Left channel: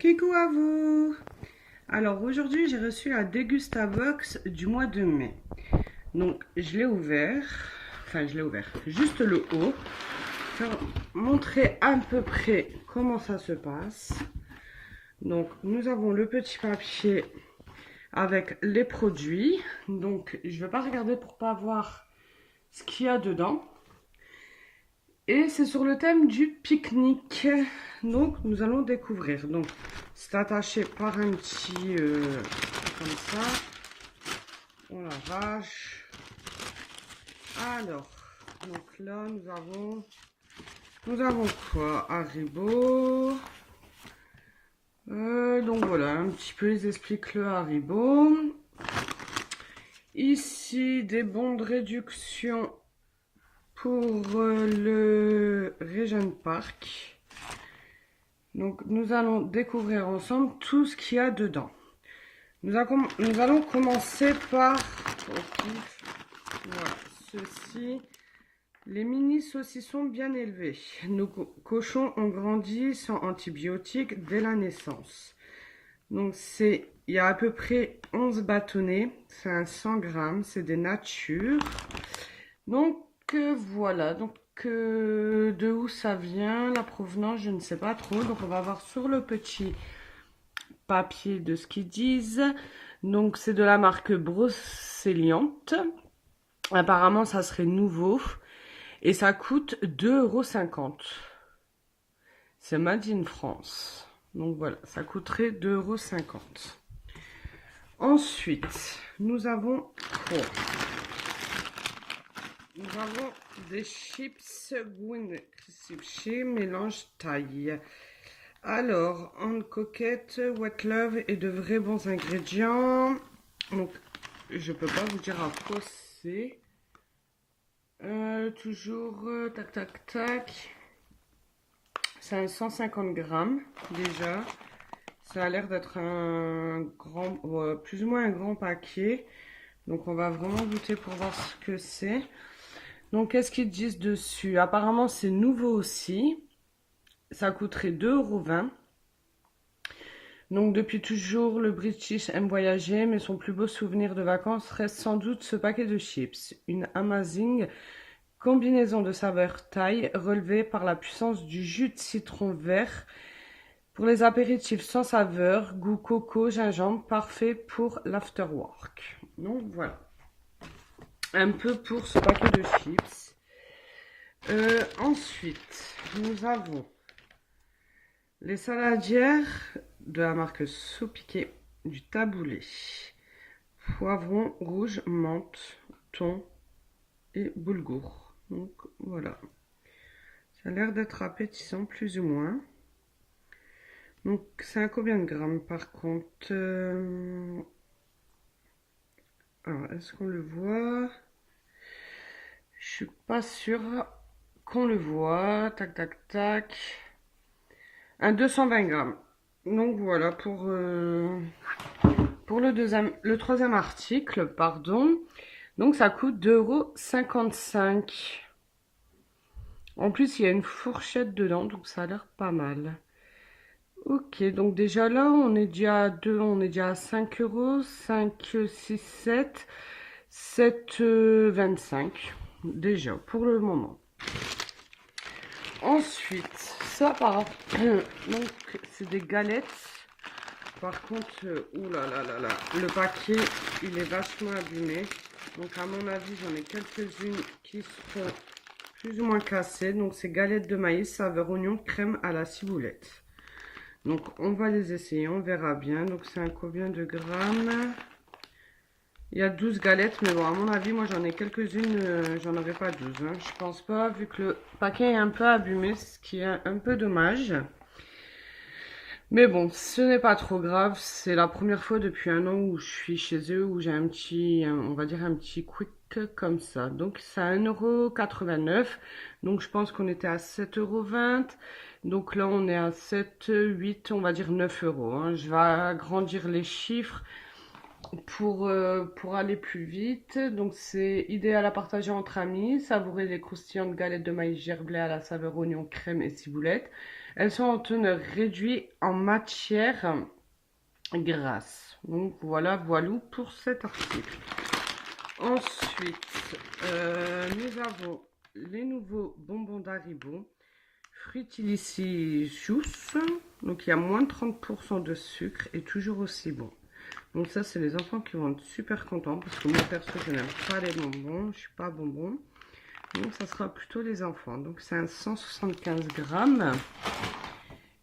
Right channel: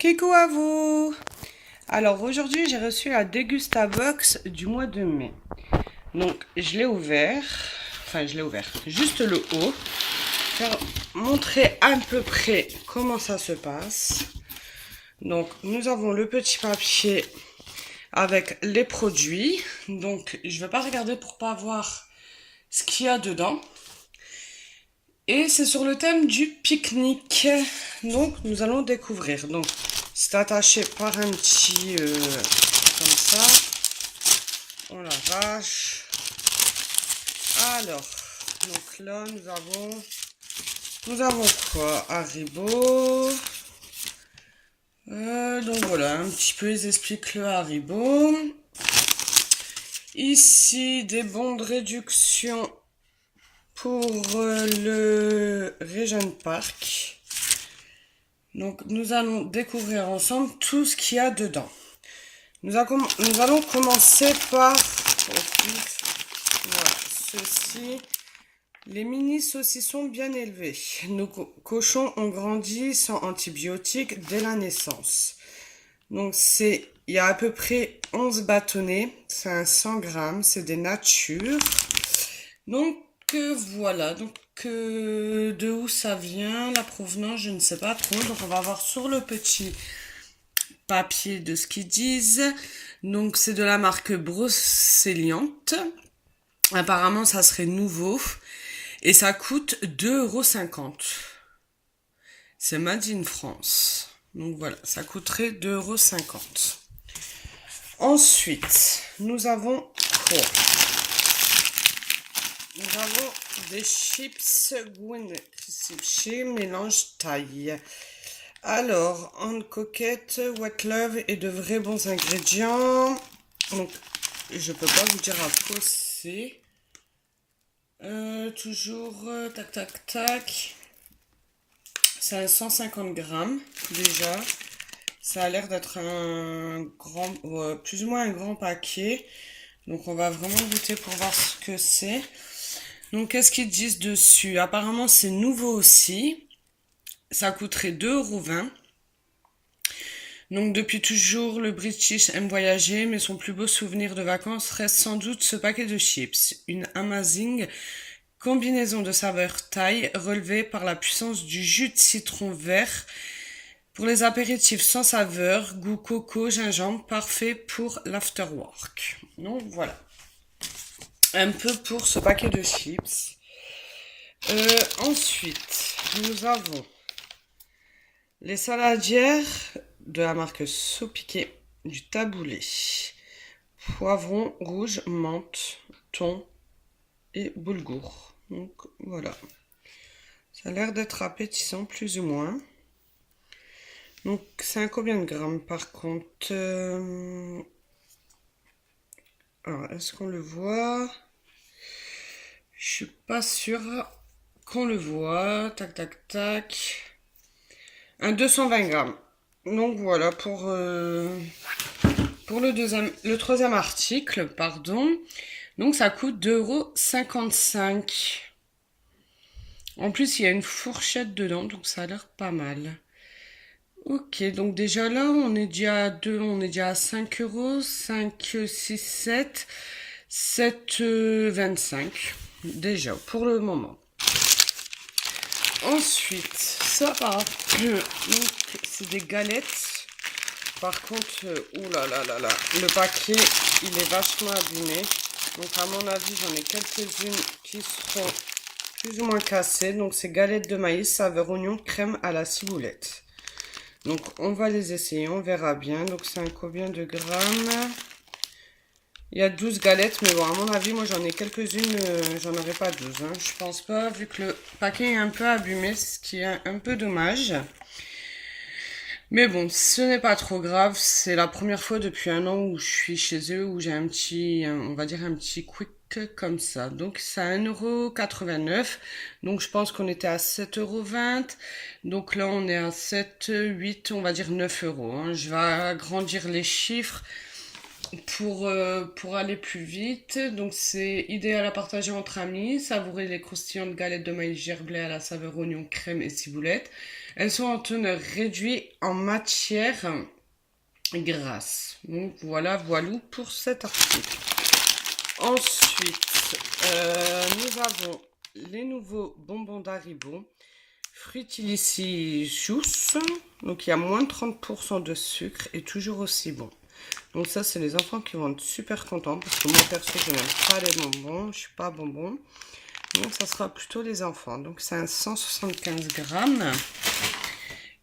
Coucou à vous! Alors aujourd'hui j'ai reçu la Dégustabox du mois de mai. Donc je l'ai ouvert, juste le haut. Je vais montrer à peu près comment ça se passe. Donc nous avons le petit papier avec les produits. Donc je ne vais pas regarder pour pas voir ce qu'il y a dedans. Et c'est sur le thème du pique-nique. Donc nous allons découvrir. Donc c'est attaché par un petit comme ça. Oh la vache. Alors, donc là nous avons quoi? Haribo. Donc voilà, un petit peu ils expliquent le Haribo. Ici des bons de réduction pour le Regent Park. Donc nous allons découvrir ensemble tout ce qu'il y a dedans. Nous allons commencer par voilà, ceci. Les mini saucissons bien élevés. Nos cochons ont grandi sans antibiotiques dès la naissance. Donc il y a à peu près 11 bâtonnets. C'est un 100 grammes. C'est des natures. Donc voilà. Donc de où ça vient, la provenance, je ne sais pas trop. Donc on va voir sur le petit papier de ce qu'ils disent. Donc c'est de la marque Brocéliande. Apparemment ça serait nouveau. Et ça coûte 2,50 €. C'est Made in France. Donc voilà, ça coûterait 2,50 €. Ensuite, nous avons quoi? Nous avons des chips Gwyn chez mélange taille. Alors, en coquette, What Love et de vrais bons ingrédients. Donc, je peux pas vous dire à quoi c'est. Toujours, tac. C'est un 150 grammes déjà. Ça a l'air d'être un grand, plus ou moins un grand paquet. Donc on va vraiment goûter pour voir ce que c'est. Donc qu'est-ce qu'ils disent dessus? Apparemment c'est nouveau aussi. Ça coûterait 2,20 €. Donc depuis toujours, le British aime voyager, mais son plus beau souvenir de vacances reste sans doute ce paquet de chips. Une amazing combinaison de saveurs thaï relevée par la puissance du jus de citron vert pour les apéritifs sans saveur, goût coco, gingembre, parfait pour l'afterwork. Donc voilà, un peu pour ce paquet de chips. Ensuite, nous avons les saladières de la marque Sopiqué, du taboulé, poivron rouge, menthe, thon et boulgour. Donc voilà, ça a l'air d'être appétissant plus ou moins. Donc c'est un combien de grammes par contre? Alors est-ce qu'on le voit? Je suis pas sûre qu'on le voit. Tac. Un 220 grammes. Donc voilà pour le troisième article, pardon. Donc ça coûte 2,55 €. En plus, il y a une fourchette dedans, donc ça a l'air pas mal. Ok, donc déjà là, on est déjà à 5 €. 5, 6, 7, 7,25 déjà pour le moment. Ensuite, ça donc c'est des galettes. Par contre, oulala, le paquet, il est vachement abîmé. Donc à mon avis, j'en ai quelques-unes qui seront plus ou moins cassées. Donc c'est galettes de maïs, saveur oignon, crème à la ciboulette. Donc on va les essayer, on verra bien. Donc c'est un combien de grammes? Il y a 12 galettes, mais bon, à mon avis, moi j'en ai quelques-unes, j'en aurai pas 12. Hein. Je pense pas, vu que le paquet est un peu abîmé, ce qui est un peu dommage. Mais bon, ce n'est pas trop grave. C'est la première fois depuis 1 an où je suis chez eux, où j'ai on va dire un petit quick comme ça. Donc c'est à 1,89 €. Donc je pense qu'on était à 7,20 €. Donc là on est à 7, 8, on va dire 9 €. Hein. Je vais agrandir les chiffres pour aller plus vite. Donc c'est idéal à partager entre amis. Savourer les croustillantes galettes de maïs gerblé à la saveur oignon, crème et ciboulette. Elles sont en teneur réduite en matière grasse. Donc voilà, voilou pour cet article. Ensuite, nous avons les nouveaux bonbons d'Haribo. Fruitilicious. Donc il y a moins de 30% de sucre et toujours aussi bon. Donc ça, c'est les enfants qui vont être super contents parce que moi, perso, je n'aime pas les bonbons. Je ne suis pas bonbon. Donc ça sera plutôt les enfants. Donc c'est un 175 grammes.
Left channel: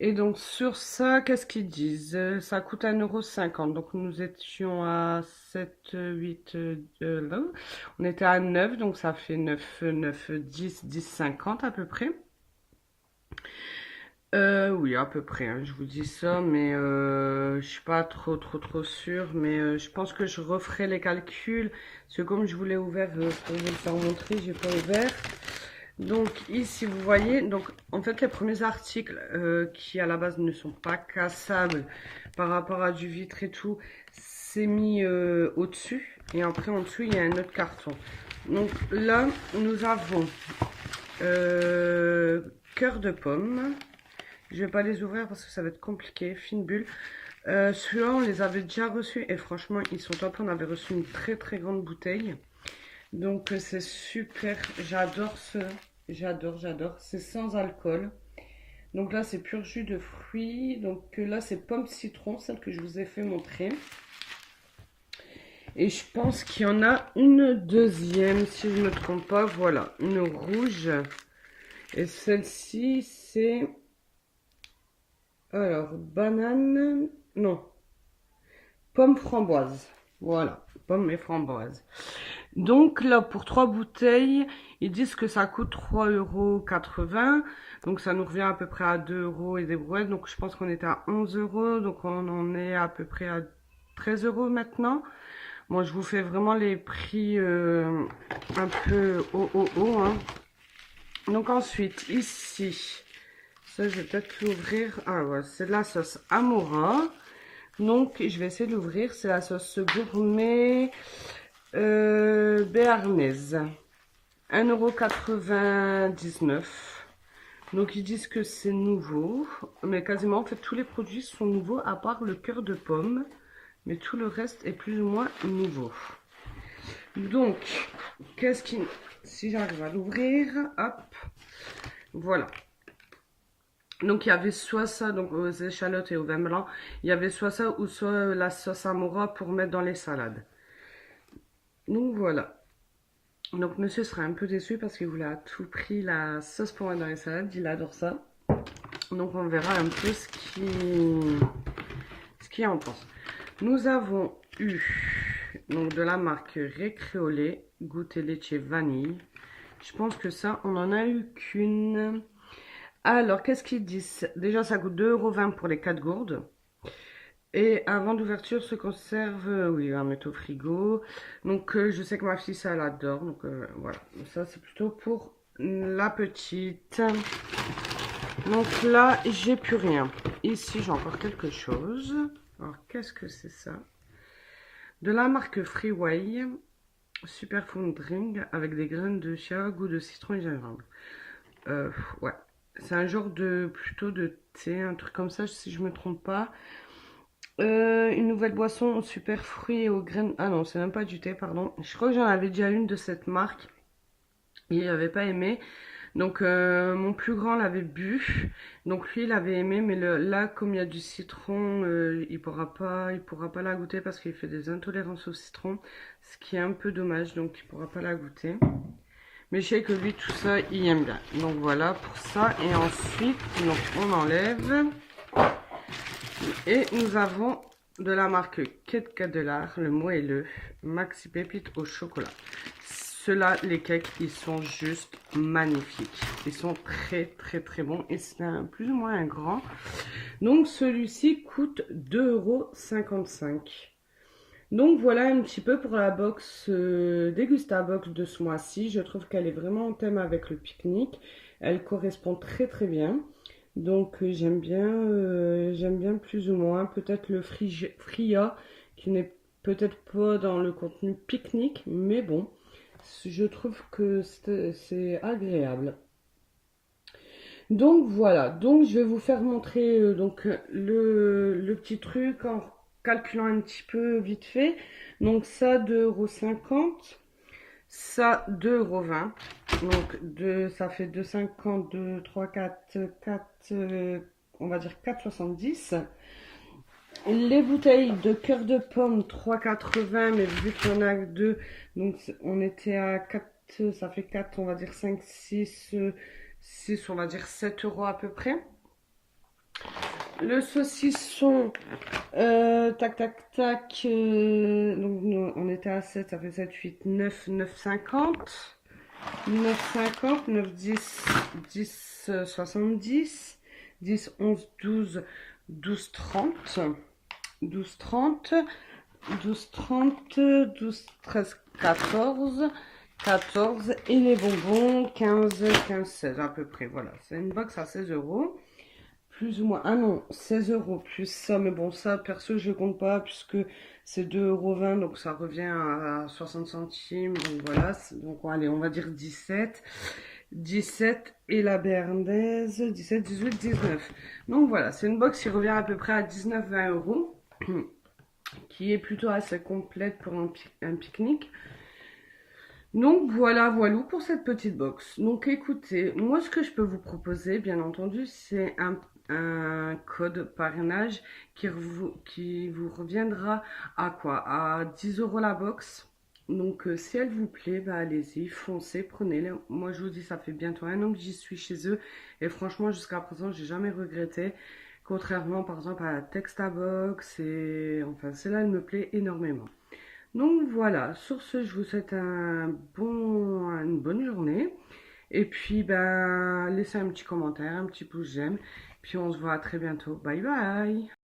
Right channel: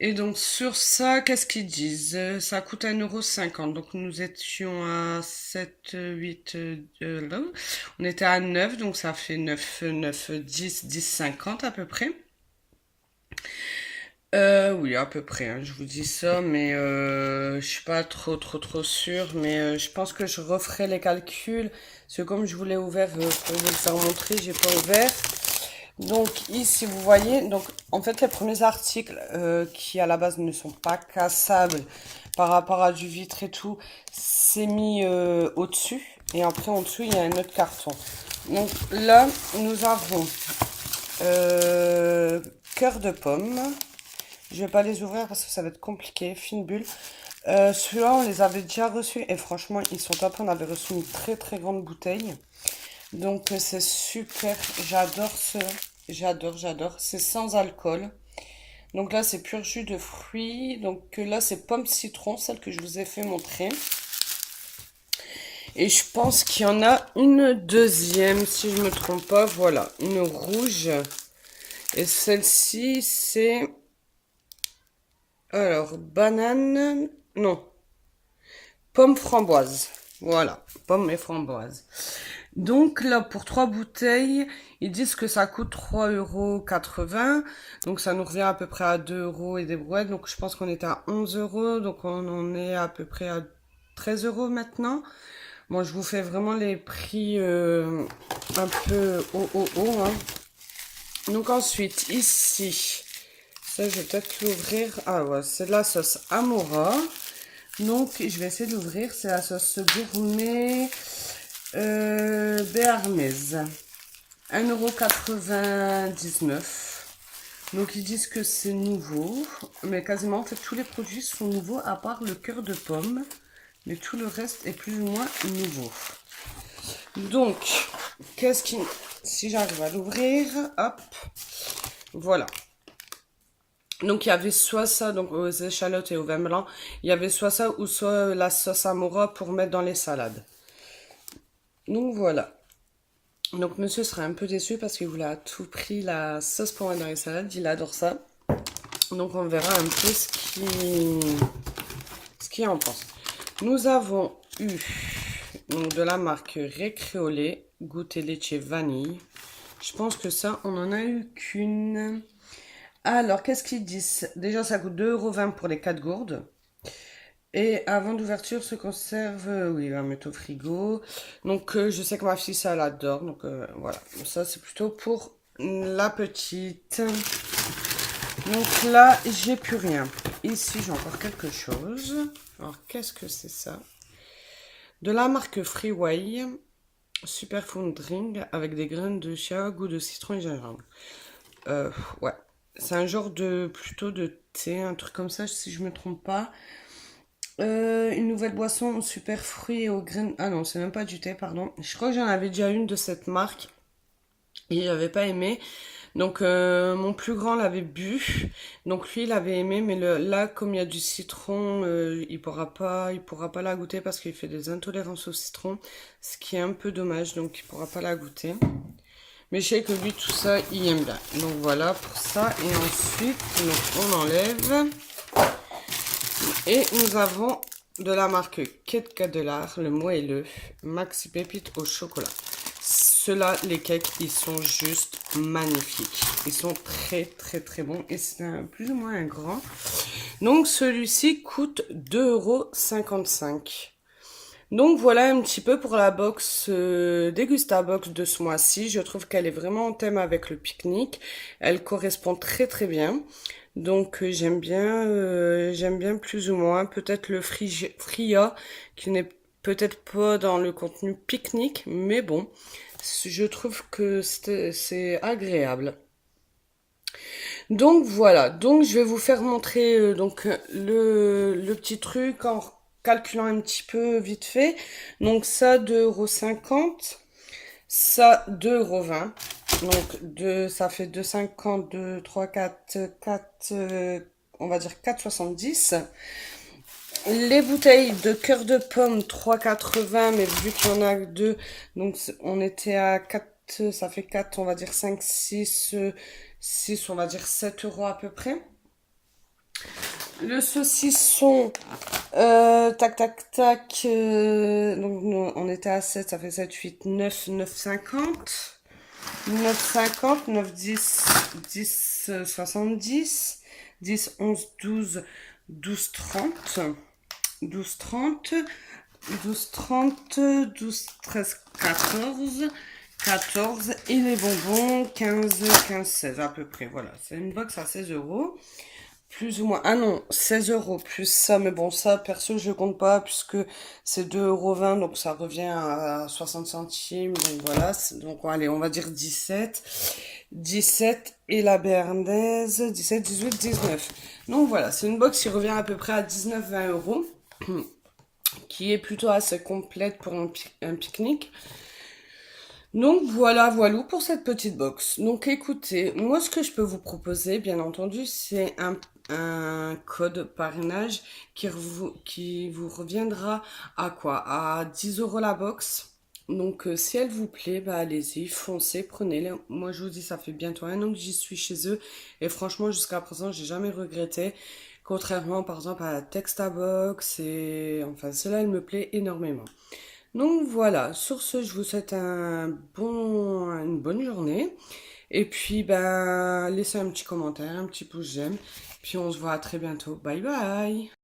Et donc sur ça, qu'est-ce qu'ils disent? Ça coûte 1,50 €. Donc nous étions à 7, 8, là. On était à 9, donc ça fait 9, 9, 10, 10, 50 à peu près. Oui, à peu près, hein, je vous dis ça, mais je suis pas trop sûre, mais je pense que je referai les calculs, parce que comme je vous l'ai ouvert pour vous le faire montrer, j'ai pas ouvert. Donc ici, vous voyez, donc en fait, les premiers articles qui à la base ne sont pas cassables par rapport à du vitre et tout, c'est mis au-dessus, et après en dessous, il y a un autre carton. Donc là, nous avons cœur de pomme. Je vais pas les ouvrir parce que ça va être compliqué. Fine bulle. Celui-là, on les avait déjà reçus et franchement, ils sont top. On avait reçu une très grande bouteille. Donc, c'est super. J'adore ce. J'adore. C'est sans alcool. Donc là, c'est pur jus de fruits. Donc là, c'est pomme citron, celle que je vous ai fait montrer. Et je pense qu'il y en a une deuxième, si je ne me trompe pas. Voilà, une rouge. Et celle-ci, c'est... Alors, banane, non, pomme framboise. Voilà, pomme et framboise. Donc là, pour 3 bouteilles, ils disent que ça coûte 3,80 €. Donc ça nous revient à peu près à 2 € et des brouettes. Donc je pense qu'on était à 11 €. Donc on en est à peu près à 13 € maintenant. Moi, je vous fais vraiment les prix un peu haut, hein. Donc ensuite, ici... Ça, je vais peut-être l'ouvrir. Ah ouais, c'est de la sauce Amora. Donc, je vais essayer de l'ouvrir. C'est la sauce gourmet béarnaise. 1,99 €. Donc, ils disent que c'est nouveau. Mais quasiment, en fait, tous les produits sont nouveaux à part le cœur de pomme. Mais tout le reste est plus ou moins nouveau. Donc, qu'est-ce qui... Si j'arrive à l'ouvrir, hop. Voilà. Donc, il y avait soit ça, donc aux échalotes et au vin blanc, il y avait soit ça ou soit la sauce Amora pour mettre dans les salades. Donc, voilà. Donc, monsieur sera un peu déçu parce qu'il voulait à tout prix la sauce pour mettre dans les salades. Il adore ça. Donc, on verra un peu ce qu'il en pense. Nous avons eu donc, de la marque Récréolé, goûter laitier vanille. Je pense que ça, on n'en a eu qu'une... Alors, qu'est-ce qu'ils disent? Déjà, ça coûte 2,20 € pour les 4 gourdes. Et avant d'ouverture, se conserve, oui, à mettre au frigo. Donc, je sais que ma fille, ça, elle adore. Donc, voilà. Ça, c'est plutôt pour la petite. Donc là, j'ai plus rien. Ici, j'ai encore quelque chose. Alors, qu'est-ce que c'est ça? De la marque Freeway. Superfood Drink avec des graines de chia, goût de citron et gingembre. Ouais. C'est un genre de plutôt de thé, un truc comme ça, si je me trompe pas. Une nouvelle boisson aux super fruits et aux graines. Ah non, c'est même pas du thé, pardon. Je crois que j'en avais déjà une de cette marque et j'avais pas aimé. Donc mon plus grand l'avait bu. Donc lui il avait aimé, mais là comme il y a du citron, il pourra pas la goûter parce qu'il fait des intolérances au citron, ce qui est un peu dommage. Donc il pourra pas la goûter. Mais je sais que lui, tout ça, il aime bien. Donc voilà pour ça. Et ensuite, donc, on enlève. Et nous avons de la marque Kit Cadelar, le moelleux, Maxi Pépite au chocolat. Ceux-là, les cakes, ils sont juste magnifiques. Ils sont très bons. Et c'est plus ou moins un grand. Donc celui-ci coûte 2,55 €. Donc voilà un petit peu pour la box Dégustabox de ce mois-ci. Je trouve qu'elle est vraiment en thème avec le pique-nique. Elle correspond très bien. Donc j'aime bien plus ou moins. Peut-être le Fria qui n'est peut-être pas dans le contenu pique-nique, mais bon, je trouve que c'est agréable. Donc voilà, donc je vais vous faire montrer le petit truc en calculant un petit peu vite fait. Donc ça 2,50 €, ça 2,20 €. Donc ça fait 2,50, 2, 3, 4, 4, on va dire 4,70 €. Les bouteilles de cœur de pomme 3,80 €, mais vu qu'il y en a que deux, donc on était à 4, ça fait 4, on va dire 5, 6, 6, on va dire 7 € à peu près. Le saucisson, tac, tac, tac, donc on était à 7, ça fait 7, 8, 9, 9,50. 9,50, 9, 10, 10, 70, 10, 11, 12, 12, 30, 12, 30, 12, 30, 12, 13, 14, 14 et les bonbons 15, 15, 16 à peu près. Voilà, c'est une box à 16 €. Plus ou moins. Ah non, 16 € plus ça. Mais bon, ça, perso, je compte pas puisque c'est 2,20 €. Donc ça revient à 60 centimes. Donc voilà. Donc allez, on va dire 17. 17 et la béarnaise 17, 18, 19. Donc voilà, c'est une box qui revient à peu près à 19, 20 €. Qui est plutôt assez complète pour un pique-nique. Donc voilà, voilà pour cette petite box. Donc écoutez, moi ce que je peux vous proposer, bien entendu, c'est un code parrainage qui vous reviendra à quoi? À 10 € la box. Donc si elle vous plaît, bah allez-y, foncez, prenez-les. Moi je vous dis, ça fait bientôt 1 an que j'y suis chez eux. Et franchement, jusqu'à présent, j'ai jamais regretté. Contrairement par exemple à la Textabox. Et enfin, celle-là, elle me plaît énormément. Donc voilà, sur ce, je vous souhaite une bonne journée. Et puis, ben, laissez un petit commentaire, un petit pouce j'aime. Puis on se voit à très bientôt. Bye bye!